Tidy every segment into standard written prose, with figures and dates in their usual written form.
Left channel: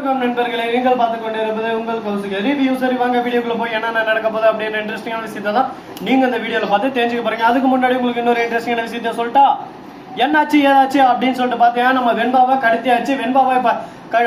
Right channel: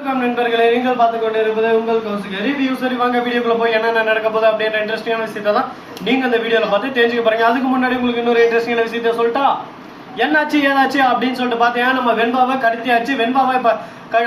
வணக்கம் நண்பர்களே, நீங்கள் பார்த்துக் கொண்டிருப்பது உங்கள் கௌசிக ரிவ்யூ. சரி வாங்க வீடியோக்குள்ள போய் என்னென்ன நடக்க போகுது அப்படின்ற இன்ட்ரெஸ்டிங்கான விஷயத்தை தான் நீங்க இந்த வீடியோல பார்த்து தெரிஞ்சுக்க போறீங்க. அதுக்கு முன்னாடி உங்களுக்கு இன்னொரு இன்ட்ரெஸ்டிங்கான விஷயத்த சொல்லிட்டா, என்னாச்சு ஏதாச்சு அப்படின்னு சொல்லிட்டு பார்த்தீங்கன்னா, நம்ம வெண்பாவை கடத்தியாச்சு. வெண்பாவை இப்ப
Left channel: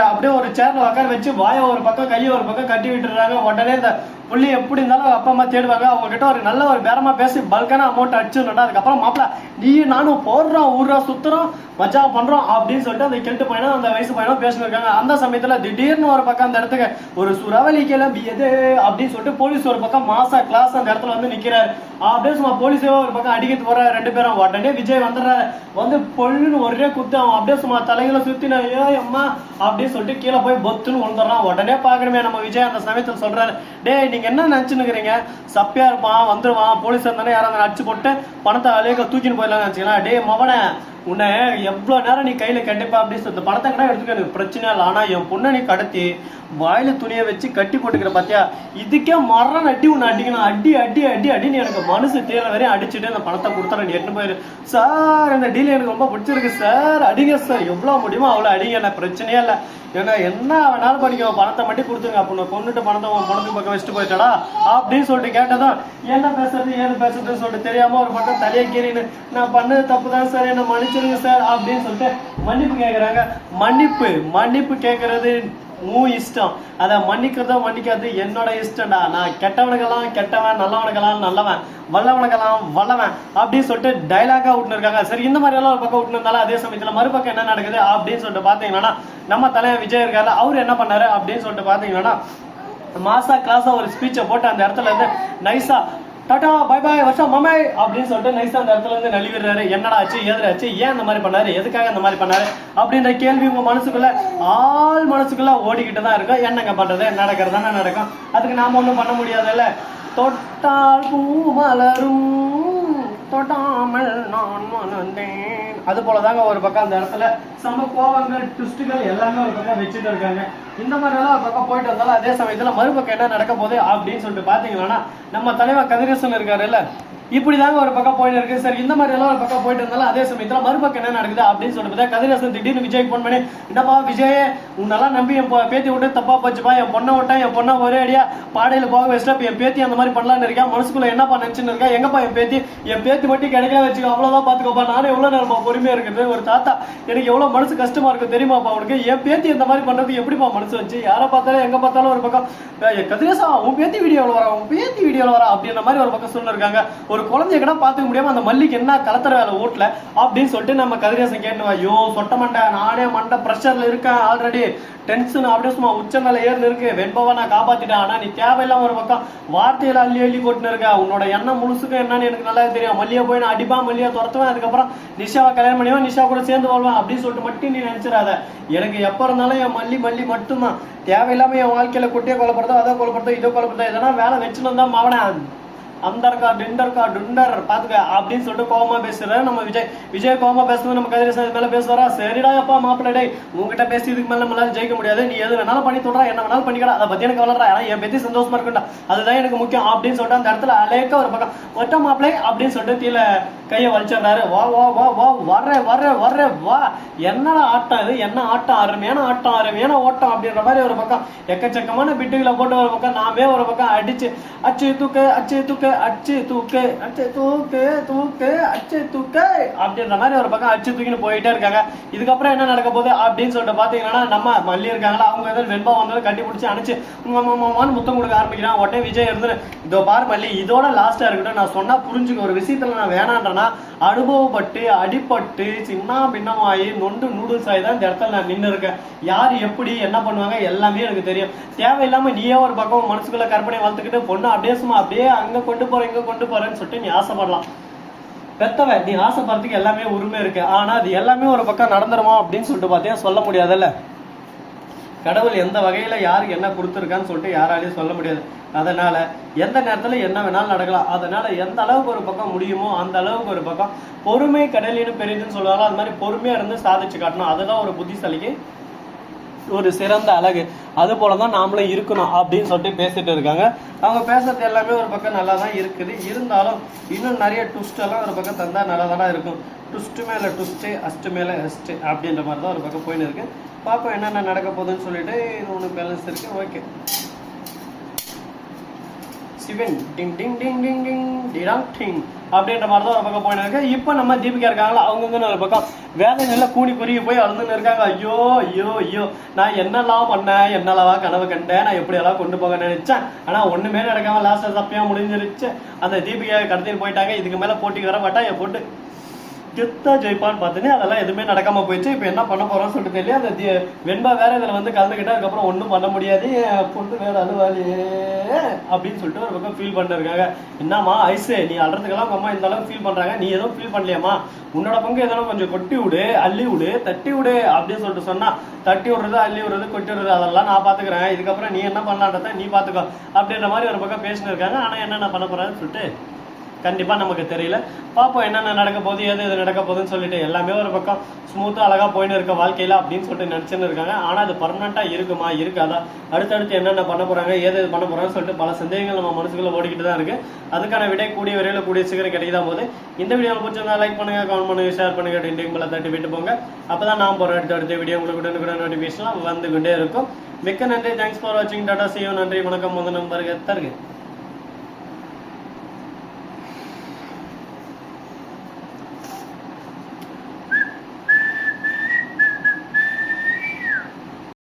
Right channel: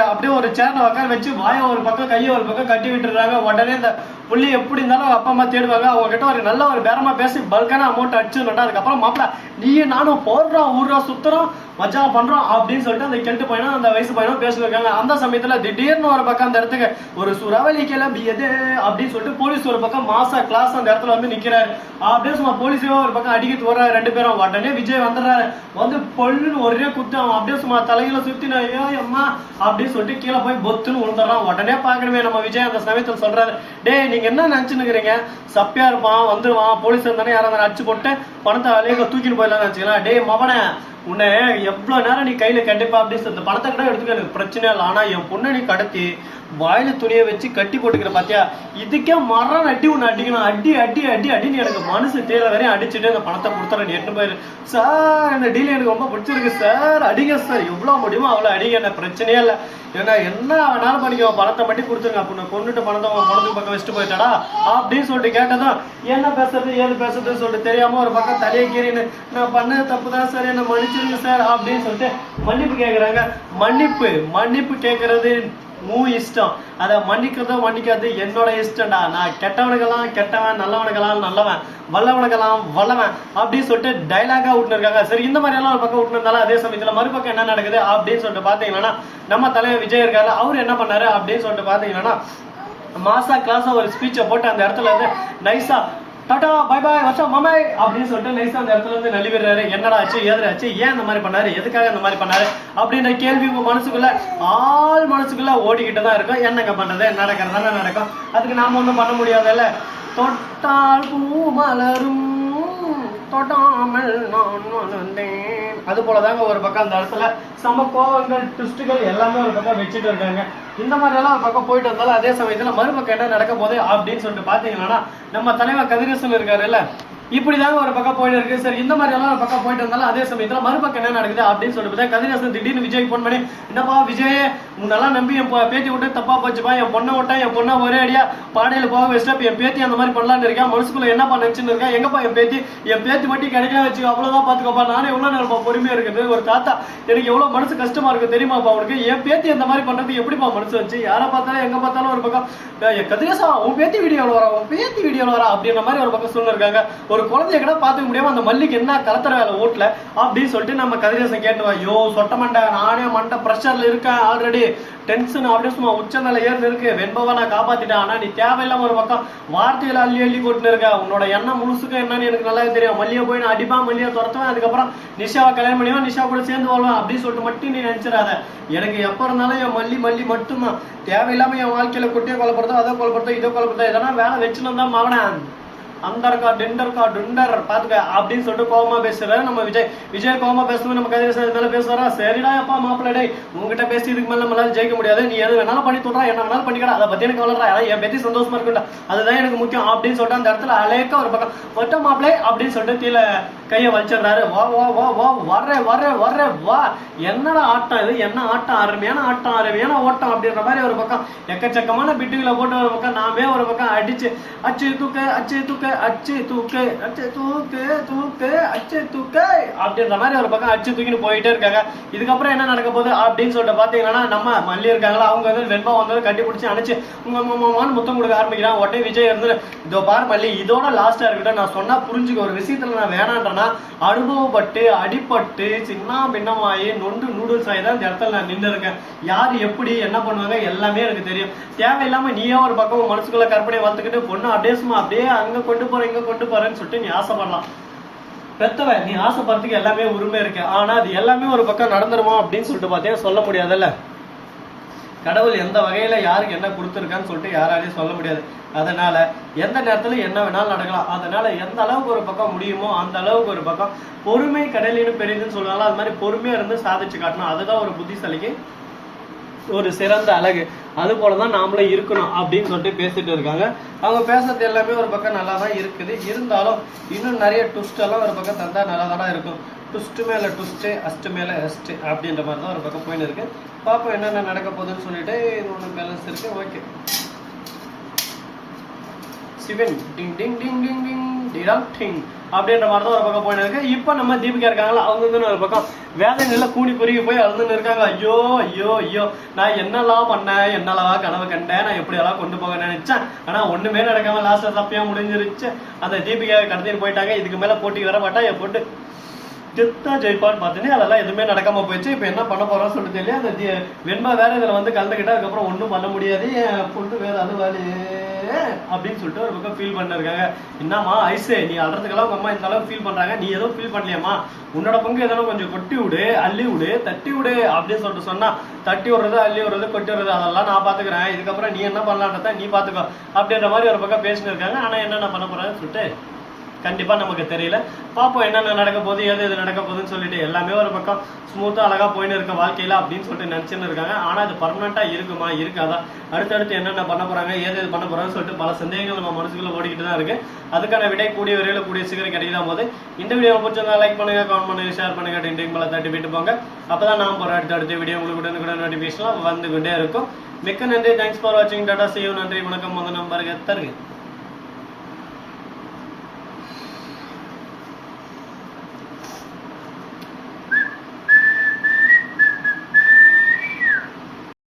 அப்படியே ஒரு சேர்ல உட்கார வச்சு வாயை ஒரு பக்கம் கையை ஒரு பக்கம் கட்டி விட்டுறாங்க. உடனே இந்த புள்ளி எப்படி இருந்தாலும் அப்பா அம்மா தேடுவாங்க. அவங்க கிட்ட ஒரு நல்ல ஒரு பேரமா பேசி பல்கான அமௌண்ட் அடிச்சுட்டா, அதுக்கப்புறம் மாப்பிள்ள நீ நானும் போடுறோம் ஊர்றோம் சுத்துறோம் மஜா பண்றோம் அப்படின்னு சொல்லிட்டு அந்த கெட்டு பையனும் அந்த வயசு பையனும் பேசிட்டு இருக்காங்க. அந்த சமயத்துல திடீர்னு ஒரு பக்கம் அந்த இடத்துக்கு ஒரு சுறவலி கிளம்பியது அப்படின்னு சொல்லிட்டு போலீஸ் ஒரு பக்கம் மாசா கிளாஸ் அந்த இடத்துல வந்து நிக்கிறாரு. அப்படியே சும்மா போலீஸே ஒரு பக்கம் அடிக்கிறது வர ரெண்டு பேரும். உடனே விஜய் வந்துடுறாரு. வந்து பொல்லுன்னு ஒரே குத்து அவன் அப்படியே சும்மா தலைகளை சுத்தினா ஐயோ அம்மா அப்படின்னு சொல்லிட்டு கீழே போய் பொத்துன்னு விழுந்துடுறான். உடனே பாக்கணுமே நம்ம விஜய் அந்த சமயத்துல சொல்றாரு, டே நீங்க என்ன நினைச்சுன்னுக்கிறீங்க, சப்பியா இருப்பான் வந்துருவான் போலீஸ் இருந்தானே யாராவது அடிச்சு போட்டு பணத்தை அலைய தூக்கின்னு போயிடலாம்னு நினைச்சுக்கலாம். டே மவனே உன்னை எவ்வளவு நேரம் நீ கையில கட்டிப்பா அப்படின்னு சொல்லி பணத்தை கூட எடுத்துக்க எனக்கு பிரச்சனை இல்லை. ஆனா என் பொண்ணை நீ கடத்தி வாயில துணியை வச்சு கட்டி போட்டுக்கிற பாத்தியா, இதுக்கே மரம் அடி உன்னை அடிக்கணும். அடி அடி அடி அடின்னு எனக்கு மனசு தேர வரையும் அடிச்சுட்டு அந்த பணத்தை கொடுத்துறேன் நீ எட்டு போயிரு. சார் இந்த டீல் எனக்கு ரொம்ப பிடிச்சிருக்கு சார், அடிங்க சார் எவ்வளவு முடியுமோ அவ்வளவு அடிங்க, என்ன பிரச்சனையே இல்லை. ஏன்னா என்ன வேணாலும் பண்ணிக்க, பணத்தை மட்டும் கொடுத்துருங்க. அப்போ கொண்டுட்டு பணத்தை உன் பணத்துக்கு பக்கம் வச்சுட்டு போயிட்டாடா அப்படின்னு சொல்லிட்டு கேட்டதும் என்ன பேசுறது ஏது பேசுறதுன்னு சொல்லிட்டு தெரியாம ஒரு பக்கம் தலையை கீறின்னு நான் பண்ணது தப்பு தான் சார் என்ன மன்னிச்சிருங்க சார் அப்படின்னு சொல்லிட்டு மன்னிப்பு கேட்கறாங்க. மன்னிப்பு கேட்கறது உன் இஷ்டம், அதை மன்னிக்கிறதோ மன்னிக்காது என்னோட இஷ்டம்டா. நான் கெட்டவனுக்கெல்லாம் கெட்டவன், நல்லவனுக்கெல்லாம் நல்லவன், வல்லவனுக்கெல்லாம் வல்லவன் அப்படின்னு சொல்லிட்டு டைலாகா விட்டுன்னு இருக்காங்க. சரி இந்த மாதிரி எல்லாம் ஒரு பக்கம் விட்டுருந்தாலும் அதே சமயத்துல மறுபக்கம் என்ன நடக்குது அப்படின்னு சொல்லிட்டு பாத்தீங்கன்னா, நம்ம தலைவர் விஜய் இருக்காரு. அவரு என்ன பண்ணாரு அப்படின்னு சொல்லிட்டு பாத்தீங்கன்னா, மாசா கிளாஸா ஒரு ஸ்பீச்சை போட்டு அந்த இடத்துல இருந்து நைஸா டாடா பை பாய் வருஷம் மமை அப்படின்னு சொல்லிட்டு நைஸா அந்த இடத்துல இருந்து நழுவிடுறாரு. என்னடா ஆச்சு ஏதாச்சு, ஏன் இந்த மாதிரி பண்ணாரு, எதுக்காக இந்த மாதிரி பண்ணாரு அப்படின்ற கேள்வி உங்க மனசுக்குள்ள ஆள் மனசுக்குள்ள ஓடிக்கிட்டு தான் இருக்கும். என்னங்க பண்றது, நடக்கிறது தானே நடக்கும், அதுக்கு நாம ஒன்றும் பண்ண முடியாதுல்ல. தொட்டால் பூ மலரும் தொட்டாமல் நான் வளர்ந்தேன், அது போலதாங்க ஒரு பக்கம் அந்த இடத்துல சம கோவங்கள் ட்விஸ்டுகள் எல்லாமே ஒரு பக்கம் வச்சுட்டு இருக்காங்க. இந்த மாதிரி எல்லாம் ஒரு பக்கம் போயிட்டு இருந்தாலும் அதே சமயத்துல மறுபக்கம் என்ன நடக்க போகுது அப்படின்னு சொல்லிட்டு பாத்தீங்கன்னா, நம்ம தலைவர் கதிரேசன் இருக்காரு இல்ல, இப்படிதாங்க ஒரு பக்கம் போயிட்டு இருக்கு. சரி இந்த மாதிரி எல்லாம் ஒரு பக்கம் போயிட்டு இருந்தாலும் அதே சமயத்துல மறுபக்கம் என்ன நடக்குது அப்படின்னு சொல்லிட்டு கதிரேசன் திடீர்னு விஜய் போன் பண்ணி, என்னப்பா விஜய் உன்னெல்லாம் நம்பி என் பேத்தி விட்டு தப்பா போச்சுப்பா, என் பொண்ணை விட்டா என் பொண்ணை ஒரே அடியா பாடையில போக வச்சுட்டா என் பேத்தி அந்த மாதிரி பண்ணலான்னு இருக்கா, மனசுக்குள்ள என்னப்பா நினைச்சுன்னு இருக்கா, எங்கப்பா என் பேத்தி மட்டும் கிடைக்கல வச்சுக்கோ அவ்வளவுதான் பாத்துக்கோப்பா, நானே எவ்வளவு நேரம் பொறுமையா இருக்குது ஒரு தாத்தா, எனக்கு எவ்வளவு மனசு கஷ்டமா இருக்கு தெரியுமாப்பா உனக்கு, என் பேத்தி இந்த மாதிரி பண்றதுக்கு எப்படிப்பா மனசு வச்சு, யாரை பார்த்தாலும் எங்க பார்த்தாலும் ஒரு பக்கம் கதிரேசா உன் பேத்தி வீடியோல வரா அப்படின்ற மாதிரி ஒரு பக்கம் சொல்லிருக்காங்க. ஒரு குழந்தைய கூட பாத்துக்க முடியாம அந்த மல்லிக்கு என்ன கலத்துற வேலை ஓட்டல அப்படின்னு சொல்லிட்டு நம்ம கதிரேசன் கேட்டுவா, ஐயோ சொட்ட மண்டை நானே மண்டை பிரஷர்ல இருக்கேன் ஆல்ரெடி, டென்ஷன் அப்படியே சும்மா உச்ச மேல ஏர்ல இருக்கு, வெண்பாவை நான் காப்பாத்திட்டேன், ஆனா நீ தேவையில்லாம ஒரு பக்கம் வார்த்தையில அள்ளி கொட்டுன்னு இருக்க, உன்னோட எண்ணம் முழுசுக்கும் என்னன்னு எனக்கு நல்லாவே தெரியும், மல்லியை போய் நான் அடிப்பா மல்லியை துரத்துவேன், அதுக்கப்புறம் நிஷாவை கல்யாணம் பண்ணிவேன், நிஷா கூட சேர்ந்து வாழ்வேன் அப்படின்னு சொல்லிட்டு மட்டும் நீ நினைச்சிடாத, எனக்கு எப்ப இருந்தாலும் என் மல்லி மட்டும்தான், தேவையில்லாம என் வாழ்க்கையில குட்டியை கொலைப்படுறதோ அதோ கொலைப்படுறதோ இதோ கொலைப்படுறதோ இதெல்லாம் வேலை வச்சுன்னு தான் மாவன அந்தர்கா டிண்டர் பாத்துக்க அப்படின்னு சொல்லிட்டு கோவமா பேசுறாரு நம்ம விஜய் கோவமா பேசுறது நம்ம கதிரேசன் மேல பேசுவாரா, சரிடா அப்பா மாப்பிள்ளை உங்ககிட்ட பேசி இதுக்கு மேல நம்மளால ஜெயிக்க முடியாது, நீ எது வேணாலும் பண்ணி சொல்றா, என்ன வேணாலும் பண்ணிக்கடா, அதை பத்தி எனக்கு வளர்றா, என் பத்தி சந்தோஷமா இருக்குண்டா, அதுதான் எனக்கு முக்கியம் அப்படின்னு சொல்லிட்டு அந்த இடத்துல அலேக்க ஒரு பக்கம் ஒட்ட மாப்பிள்ளை அப்படின்னு சொல்லிட்டு கீழே கையை வலிச்சிடுறாரு. வா வா வா வா வர்ற வா, என்னடா ஆட்டம் இது, என்ன ஆட்டம், அருமையான ஓட்டம் அப்படின்ற மாதிரி ஒரு பக்கம் எக்கச்சக்கமான பிட்டுகளை போட்டு ஒரு பக்கம் நாமே ஒரு பக்கம் அடிச்சு அச்சு தூக்கு அப்படின்ற மாதிரி ஒரு பக்கம் அச்சு தூக்கின்னு போயிட்டே இருக்காங்க. இதுக்கப்புறம் என்ன நடக்க போகுது அப்படின்னு சொல்லிட்டு பாத்தீங்கன்னா, நம்ம மல்லி இருக்காங்களா அவங்க வந்து வெண்பா வந்து கட்டி பிடிச்சி அணைச்சு உங்க மாமான்னு முத்தம் கொடுக்க ஆரம்பிக்கிறான். உடனே விஜய் இருந்து இதோ பார் மல்லி இதோட லாஸ்டா இருக்கட்டும், நான் சொன்னா புரிஞ்சுக்க, ஒரு விஷயத்துல நான் வேணான்றேன்னா அனுபவப்பட்டு அடிப்பட்டு சின்ன பின்னமாயி நொண்டு நூடுல்ஸ் ஆகி தான் இந்த இடத்துல நான் நின்று இருக்கேன், யாரு எப்படி என்ன பண்ணுவாங்க எல்லாமே எனக்கு தெரியும், தேவையில்லாம நீயே ஒரு பக்கம் மனசுக்குள்ள கற்பனையை வளர்த்துக்கிட்டு பொண்ணு அப்படியே சும்மா அப்படியே அங்க கொண்டு போறேன் இங்க கொண்டு போறேன்னு சொல்லிட்டு நீ ஆசைப்படலாம், பெத்தவ நீ ஆசைப்படுறதுக்கு எல்லாமே உரிமை இருக்கு, ஆனா அது எல்லாமே ஒரு பக்கம் நடந்துருமோ அப்படின்னு சொல்லிட்டு பார்த்தீங்கன்னா சொல்ல முடியாதுல்ல, கடவுள் எந்த வகையில யாருக்கு என்ன கொடுத்துருக்கான்னு சொல்லிட்டு யாராலையும் சொல்ல முடியாது, அதனால எந்த நேரத்துல என்ன வேணாலும் நடக்கலாம், அதனால எந்த அளவுக்கு ஒரு பக்கம் முடியுமோ அந்த அளவுக்கு ஒரு பக்கம் பொறுமை கடலின்னு பெரிதுன்னு சொல்லுவாங்க, அது மாதிரி பொறுமையா இருந்து சாதிச்சு காட்டணும், அதுதான் ஒரு புத்திசாலிக்கு ஒரு சிறந்த அழகு, அது போலதான் நாமளும் இருக்கணும் அப்படின்னு சொல்லிட்டு பேசிட்டு இருக்காங்க. அவங்க பேசுறது எல்லாமே ஒரு பக்கம் நல்லா தான் இருக்குது, இருந்தாலும் இன்னும் நிறைய ட்விஸ்ட் எல்லாம் ஒரு பக்கம் தந்தா நல்லா தானே இருக்கும், ட்விஸ்ட் மேல ட்விஸ்ட் அஸ்ட் மேல அஸ்ட் அப்படின்ற மாதிரி தான் ஒரு பக்கம் போயின்னு இருக்கு. பார்ப்போம் என்னென்ன நடக்க போகுதுன்னு சொல்லிட்டு. இது ஒன்று பேலன்ஸ் இருக்கு. ஓகே, சிவன் டிங் டிங் டிங் டிங் டிங் டிராங் டிங் அப்படின்ற மாதிரி தான் ஒரு பக்கம் போயின்னு இருக்கு. இப்போ நம்ம தீபிகா இருக்காங்களா, அவங்க வந்து ஒரு பக்கம் வேலை நல்லா கூணி குறுகி போய் அழுதுன்னு இருக்காங்க. ஐயோ ஐயோ ஐயோ, நான் என்னெல்லாம் பண்ணேன், என்னெல்லவா கனவு கண்டேன், நான் எப்படியெல்லாம் கொண்டு போக நினைச்சேன், ஆனா ஒண்ணுமே நடக்காம லாஸ்ட்ல தப்பியா முடிஞ்சிருச்சு. அந்த தீபிகா கடத்தின்னு போயிட்டாங்க. இதுக்கு மேல போட்டிக்கு வர மாட்டா, என் போட்டு கெத்தா ஜெயிப்பான்னு பார்த்தீங்கன்னா அதெல்லாம் எதுவுமே நடக்காம போயிடுச்சு. இப்போ என்ன பண்ண போறோம்னு சொல்லிட்டு தெரியல. அந்த வெண்பா வேற இதுல வந்து கலந்துக்கிட்டா அதுக்கப்புறம் ஒன்றும் பண்ண முடியாது, பொண்ணு வேற அழுவாளி அப்படின்னு சொல்லிட்டு ஒரு பக்கம் ஃபீல் பண்ணிருக்காங்க. என்னம்மா ஐசு, நீ அழுறதுக்கெல்லாம் உங்க அம்மா இந்த அளவுக்கு ஃபீல் பண்றாங்க, நீ எதுவும் ஃபீல் பண்ணலையாமா, உன்னோட பங்கு எதனா கொஞ்சம் கொட்டி விடு, அள்ளி விடு, தட்டி விடு அப்படின்னு சொல்லிட்டு சொன்னா, தட்டி விடுறது, அள்ளி விடுறது, கொட்டி விடுறது அதெல்லாம் நான் பாத்துக்கிறேன், இதுக்கப்புறம் நீ என்ன பண்ணலான்றத நீ பாத்துக்கோ அப்படின்ற மாதிரி ஒரு பக்கம் பேசினு இருக்காங்க. ஆனா என்னென்ன பண்ண போறான்னு சொல்லிட்டு கண்டிப்பா நமக்கு தெரியல. பாப்போம் என்னென்ன நடக்க போகுது, எது நடக்க போகுதுன்னு சொல்லிட்டு. எல்லாமே ஒரு பக்கம் ஸ்மூத்தா அழகா போயின்னு இருக்க வாழ்க்கையில அப்படின்னு சொல்லிட்டு நினைச்சுன்னு இருக்காங்க. ஆனா அது பர்மனண்டா இருக்குமா இருக்காதா, அடுத்தடுத்து என்னென்ன பண்ண போறாங்க, ஏது பண்ண போறாங்கன்னு சொல்லிட்டு பல சந்தேகங்கள் நம்ம மனசுக்குள்ள ஓடிக்கிட்டு தான் இருக்கு. அதுக்கான விடை கூடிய விரைவில் கூடிய சீக்கிரம் கிடைக்குதான் போது. இந்த வீடியோ பிடிச்சிருந்தா லைக் பண்ணுங்க, கமெண்ட் பண்ணுங்க, ஷேர் பண்ணுங்க, டிண்டிங் பல தட்டி விட்டு போங்க. அப்பதான் நான் போற அடுத்த வீடியோ உங்களுக்கு கூட நோட்டிபிகேஷன் வந்து கொண்டே இருக்கும். மிக்க நன்றி, தேங்க்ஸ் ஃபார் வாட்சிங், டாடா, see you, நன்றி, வணக்கம், முதல் நம்பருக்கு தருங்க.